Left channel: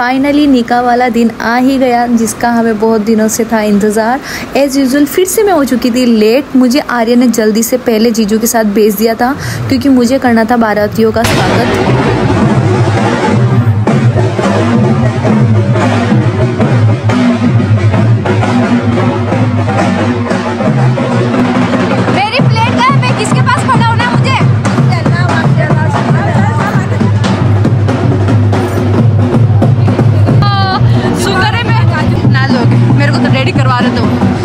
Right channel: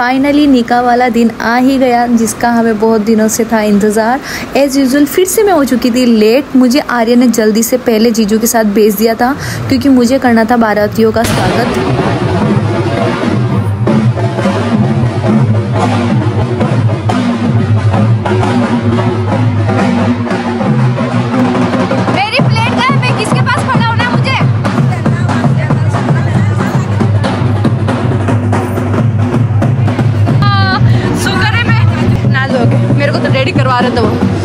Finally निकाह वाला दिन आ ही गया, जिसका हमें बहुत दिनों से था इंतज़ार। एज़ यूजुअल फिर से मैं हो चुकी थी लेट। मुझे आर्या ने जल्दी से पहले जीजू के साथ भेज दिया था, क्योंकि मुझे करना था बारातियों का स्वागत। मेरे को तो रेडी करवा रहे थे वो।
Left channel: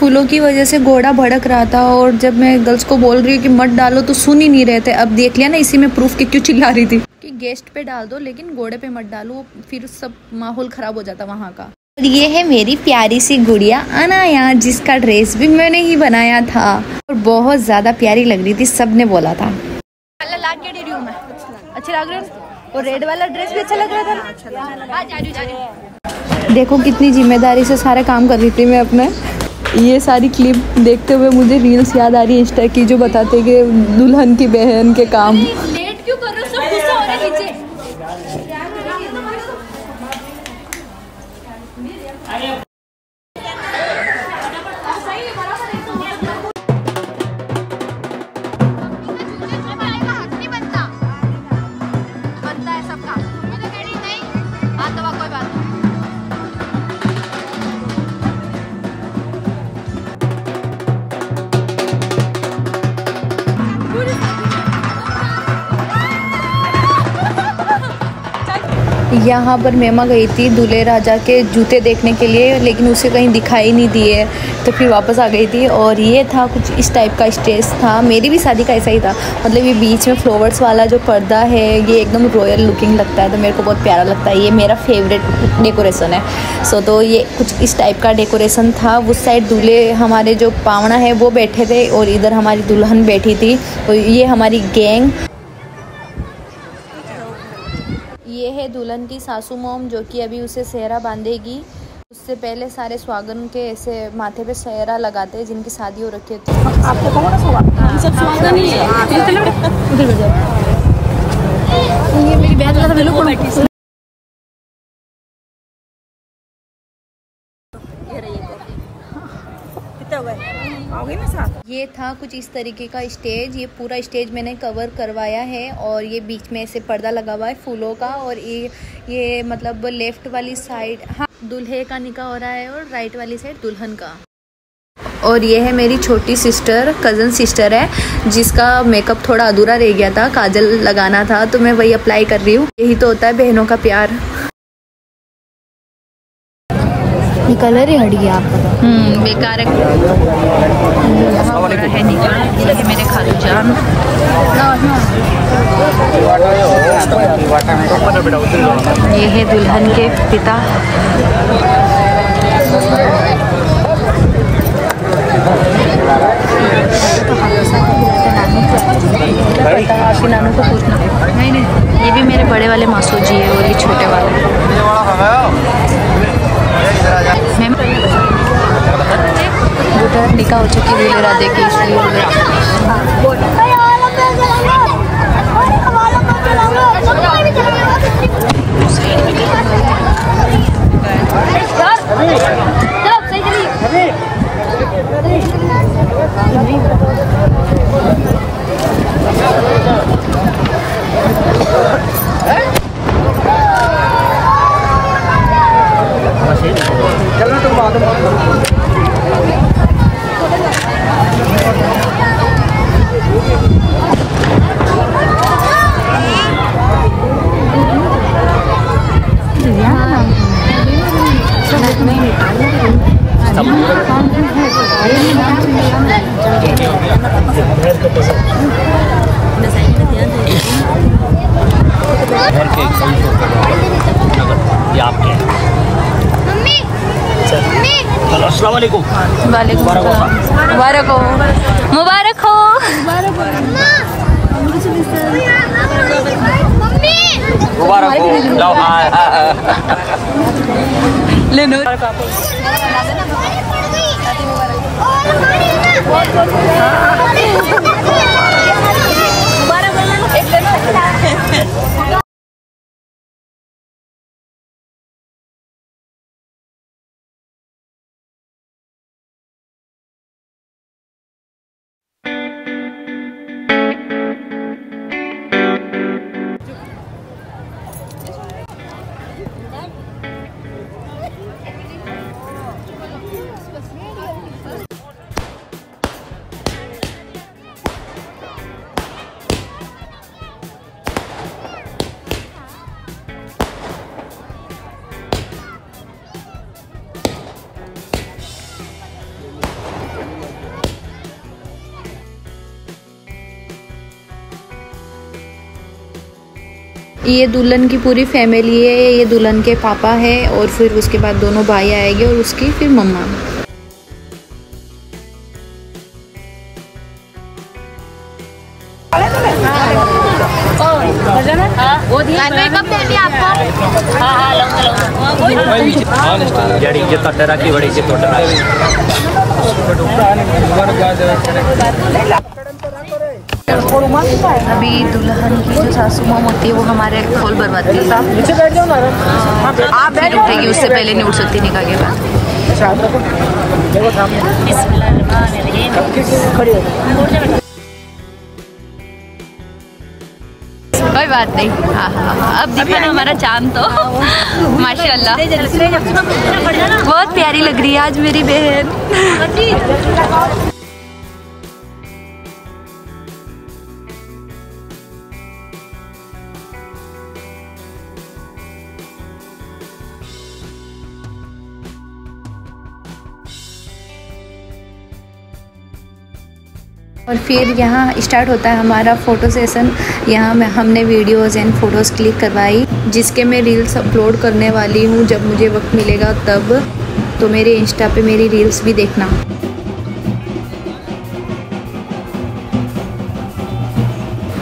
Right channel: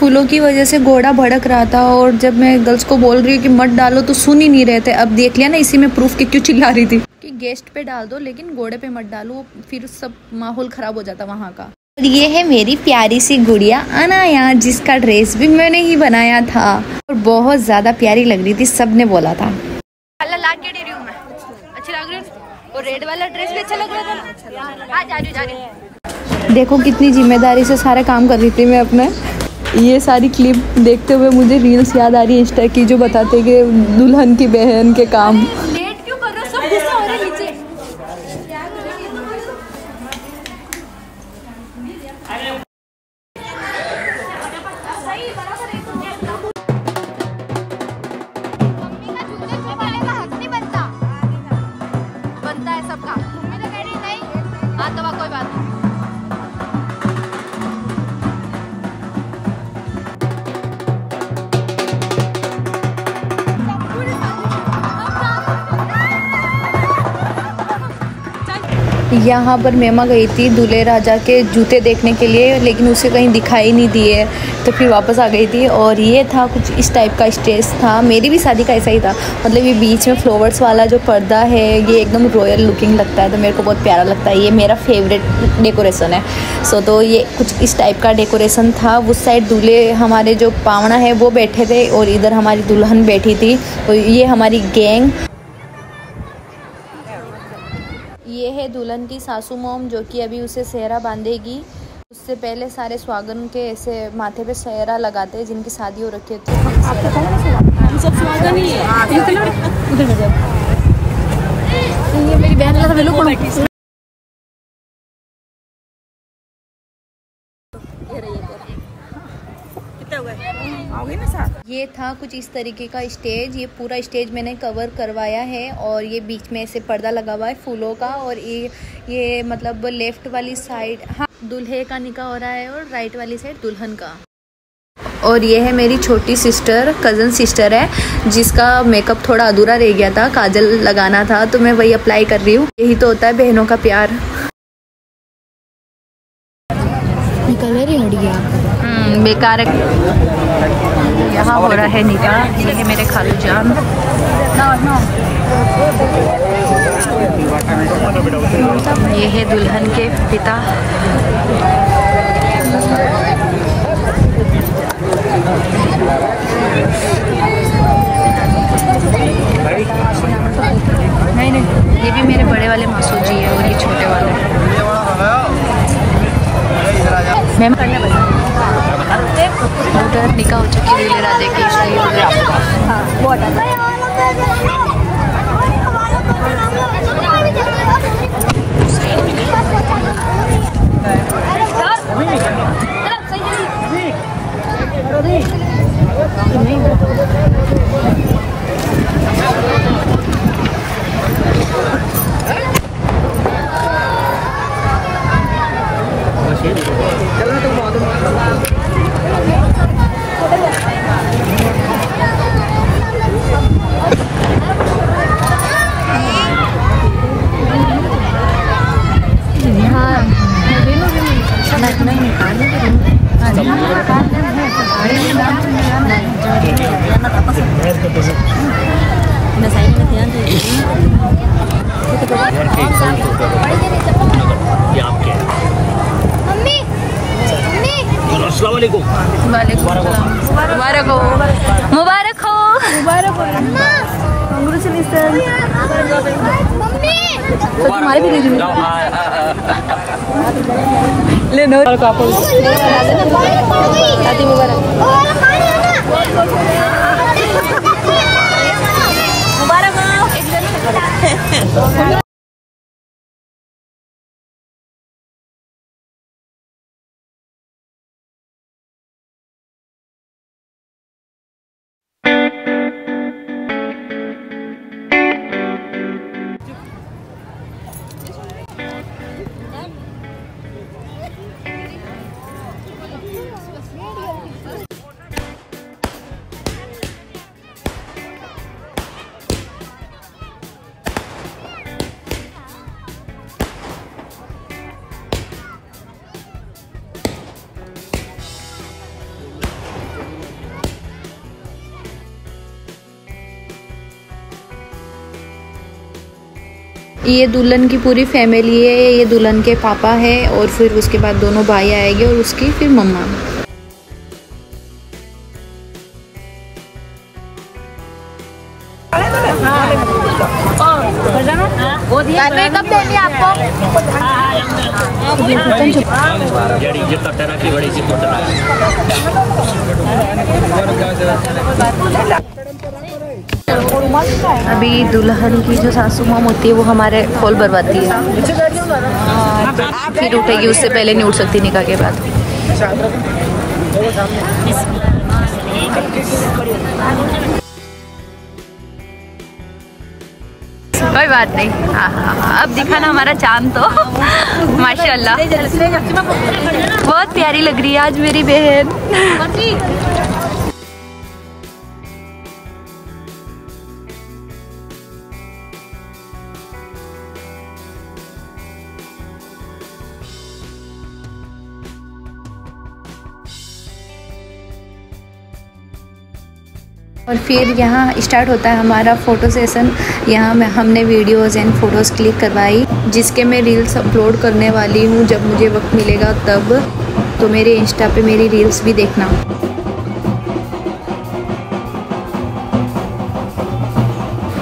फूलों की वजह से घोड़ा भड़क रहा था, और जब मैं गर्ल्स को बोल रही हूँ कि मत डालो तो सुन ही नहीं रहे थे। अब देख लिया ना, इसी में प्रूफ कि क्यों चिल्ला रही थी कि गेस्ट पे डाल दो लेकिन घोड़े पे मत डालो, फिर सब माहौल खराब हो जाता वहाँ का। और ये है मेरी प्यारी सी गुड़िया अनाया, जिसका ड्रेस भी मैंने ही बनाया था और बहुत ज्यादा प्यारी लग रही थी, सबने बोला था। रेड वाला ड्रेस भी अच्छा लग रहा था। देखो कितनी जिम्मेदारी से सारे काम कर रही थी मैं अपने। ये सारी क्लिप देखते हुए मुझे रील्स याद आ रही है इंस्टा की, जो बताते कि दुल्हन की बहन के काम। लेट क्यों कर रहे हो, सब गुस्सा हो रहे हैं नीचे। बनता है सबका। हाँ तो कोई बात नहीं। यहाँ पर मेमा गई थी दूल्हे राजा के जूते देखने के लिए, लेकिन उसे कहीं दिखाई नहीं दिए, तो फिर वापस आ गई थी। और ये था कुछ इस टाइप का स्टेज था। मेरी भी शादी का ऐसा ही था, मतलब ये बीच में फ्लावर्स वाला जो पर्दा है ये एकदम रॉयल लुकिंग लगता है, तो मेरे को बहुत प्यारा लगता है। ये मेरा फेवरेट डेकोरेशन है। सो तो ये कुछ इस टाइप का डेकोरेशन था। उस साइड दूल्हे हमारे जो पावना है वो बैठे थे, और इधर हमारी दुल्हन बैठी थी। और ये हमारी गैंग। ये है दुल्हन की सासू मॉम, जो कि अभी उसे सेहरा बांधेगी। उससे पहले सारे स्वागन के ऐसे माथे पे सेहरा लगाते हैं जिनकी शादी हो रखी होती है। आपको कौन सा सब स्वागन ही है। ये मेरी बहन का बिल्कुल बैठी। ये था कुछ इस तरीके का स्टेज। ये पूरा स्टेज मैंने कवर करवाया है, और ये बीच में ऐसे पर्दा लगा हुआ है फूलों का। और ये मतलब लेफ्ट वाली साइड हाँ दूल्हे का निकाह हो रहा है, और राइट वाली साइड दुल्हन का। और ये है मेरी छोटी सिस्टर, कज़न सिस्टर है, जिसका मेकअप थोड़ा अधूरा रह गया था, काजल लगाना था, तो मैं वही अप्लाई कर रही हूँ। यही तो होता है बहनों का प्यार। कलर ही हट गया आपका। बेकार है। यहाँ हो रहा है निकाह। ये है मेरे खालू जान। ये है दुल्हन के पिता। नानू को पूछना। नहीं ये भी मेरे बड़े वाले मासू जी है और ये छोटे वाला है। मैम उधर निकाह हो चुकी दूल्हे राधे की। वालेकुम सलाम। मुबारक हो, मुबारक हो, मुबारक हो, मुबारक हो। ले नो ये दुल्हन की पूरी फैमिली है। ये दुल्हन के पापा है और फिर उसके बाद दोनों भाई आएंगे और उसकी फिर मम्मा। अभी दुल्हन की जो सासू माँ होती है वो हमारे खोल भरवाती है, फिर उठेगी। उससे पहले नहीं उठ सकती निकाह के बाद। कोई बात नहीं। हाँ हाँ हाँ, अब दिखा ना हमारा चांद तो माशाल्लाह बहुत प्यारी लग रही है आज मेरी बहन। और फिर यहाँ स्टार्ट होता है हमारा फ़ोटो सेशन। यहाँ में हमने वीडियोज़ एंड फ़ोटोज़ क्लिक करवाई, जिसके मैं रील्स अपलोड करने वाली हूँ जब मुझे वक्त मिलेगा तब। तो मेरे इंस्टा पे मेरी रील्स भी देखना।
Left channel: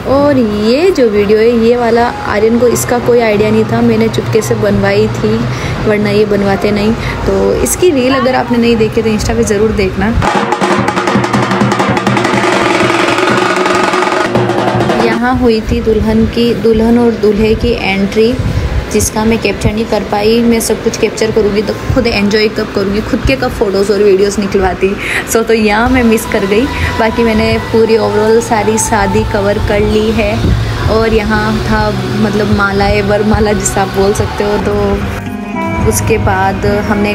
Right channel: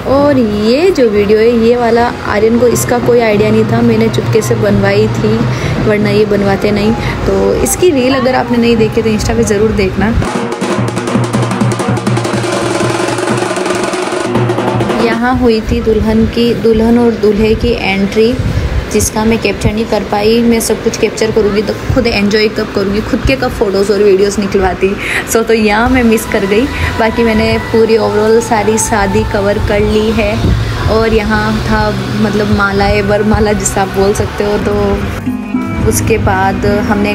और ये जो वीडियो है ये वाला आर्यन को इसका कोई आइडिया नहीं था, मैंने चुपके से बनवाई थी, वरना ये बनवाते नहीं। तो इसकी रील अगर आपने नहीं देखी तो इंस्टा पे ज़रूर देखना। यहाँ हुई थी दुल्हन और दूल्हे की एंट्री, जिसका मैं कैप्चर नहीं कर पाई। मैं सब कुछ कैप्चर करूँगी तो खुद एंजॉय कब करूँगी, खुद के कब फ़ोटोज़ और वीडियोस निकलवाती। तो यहाँ मैं मिस कर गई। बाकी मैंने पूरी ओवरऑल सारी शादी कवर कर ली है। और यहाँ था मतलब मालाएँ, वरमाला जिसे आप बोल सकते हो। तो उसके बाद हमने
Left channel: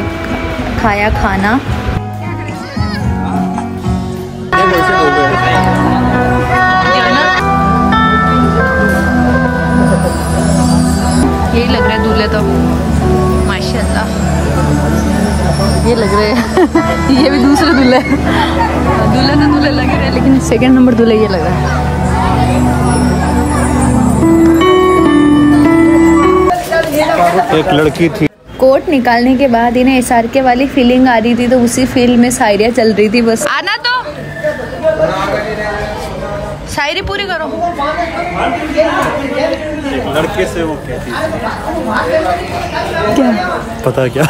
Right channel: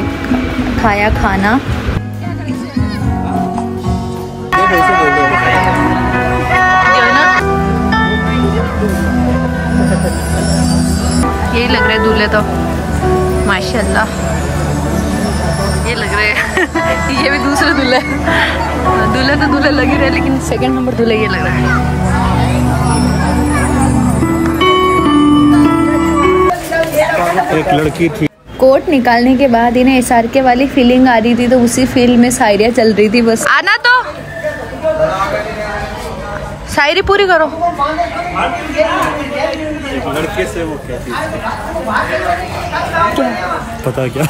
खाया खाना। जो ना यही लग रहा है दूल्हे तो माशाल्लाह, ये लग रहे हैं ये भी दूसरे दूल्हे। दूल्हा तो दूल्हे लग रहे हैं, लेकिन सेकंड नंबर दूल्हे ये लग रहा है। एक लड़की थी, कोट निकालने के बाद इन्हें SRK वाली फीलिंग आ रही थी, तो उसी फील्ड में शायरियाँ चल रही थी। बस आना तो शायरी पूरी करो। एक लड़के से वो कहती थी, पता क्या?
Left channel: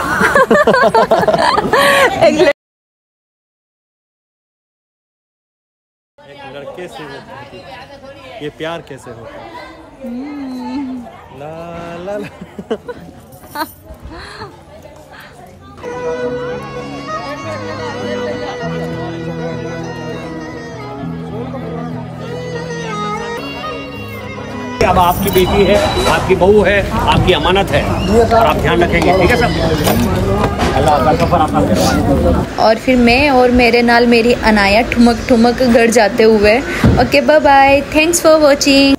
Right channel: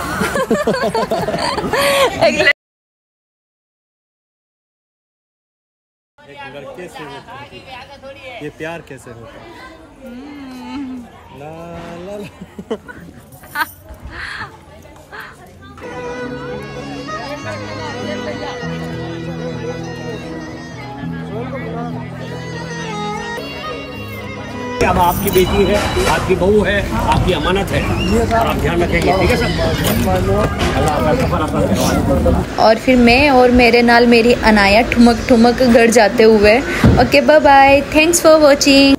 एक लड़के से वो कहती थी, ये प्यार कैसे होता है? ला ला ला। अब आपकी बेटी है, आपकी बहू है, आपकी अमानत है और आप ध्यान रखेंगे, ठीक है सब। अल्लाह का सफर आपका करवाने। और फिर मैं और मेरे नाल मेरी अनाया ठुमक ठुमक घर जाते हुए। Okay bye bye, thanks for watching.